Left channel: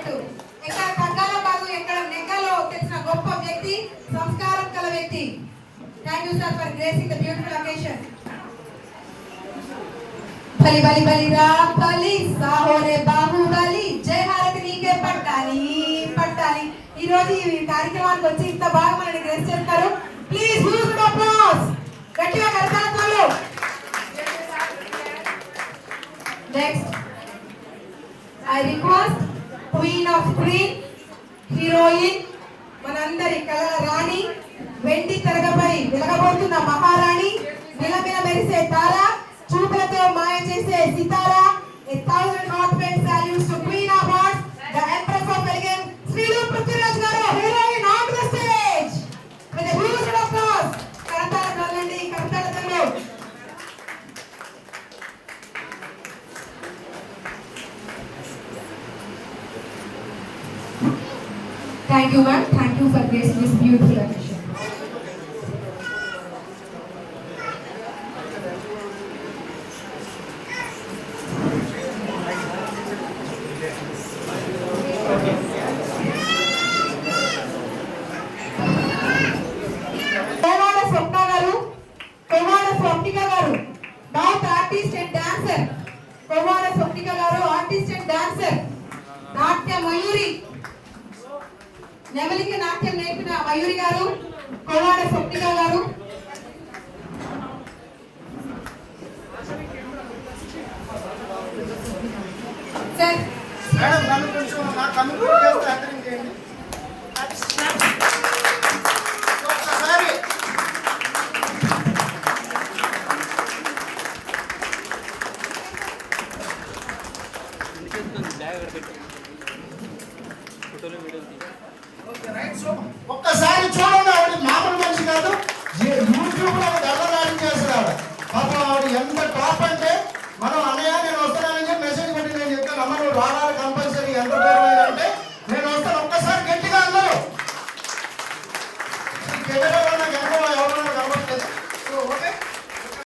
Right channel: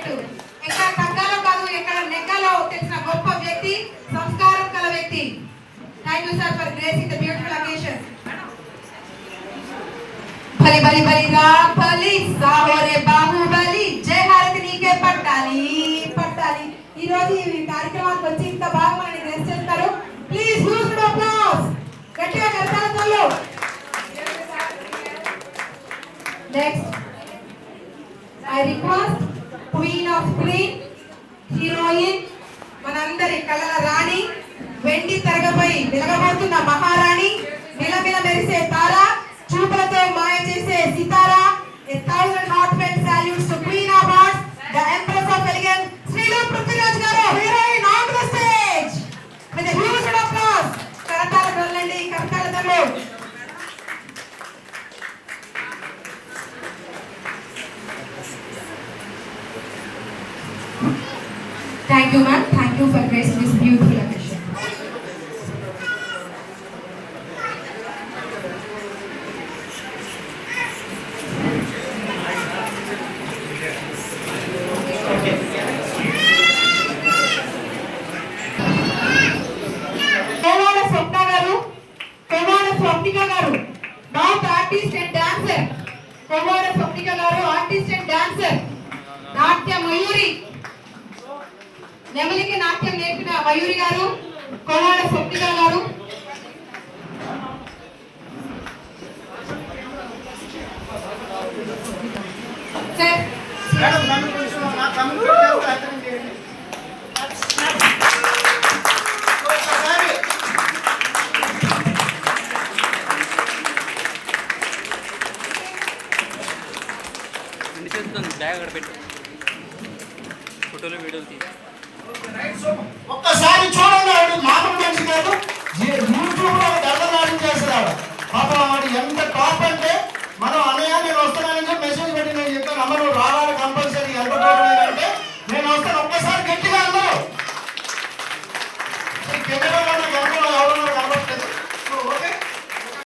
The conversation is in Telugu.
పెట్టు. ఎక్కడ తగ్గాలో కాదు, ఎక్కడ నెగ్గాలో తెలిసిన గొప్ప వ్యక్తి, సంస్కారం కల వ్యక్తి. Thank you sir for gracing the beautiful occasion. బలి బలి బలి రా బలి సాహోరే బాహుబలి, జయ హారతి నీకే పట్టాలి పట్టాలి. ఈ రోజు ఈ కార్యక్రమానికి వచ్చి ఇంత బాగా మనల్ని గ్రేస్ చేస్తారు. Please huge applause. గట్టిగా కరతాళాలు. Next I request queen of queen, heroine, మనందరి కళల రాణి, వెండి తెరగపై వెలగబోతున్న మహారాణి, మిలమిల మెరిసే తార, చూపులతో మాయ చేసే సితారా. A thousand heartfelt salutes to Queen of Hearts, the Empress of Elegance, Srilu Prithviraj garu, heroine on the stage with a huge applause. కరతాళాలు వెళ్ళండి, కరతాళాలు. Thank you, ma'am. Thank you for gracing this beautiful occasion. Swapnika garu, not artist and dancer. Kovada Swapnika garu, artist and dancer. Natya Mayuri. నెమలికి నాట్యం నేర్పిన మయూరి గారు, కోవాడ స్వప్నిక గారు. సార్ మేడం నన్ను కొంచెం నా కమ్యూనిటీ అటెండ్ చేయండి. ఒకసారి ఎన్ని చేద్దాం బ్యాగ్ అక్కడ పెట్టు, ఫోటోలు వీడియోలు తీసి ఒక్క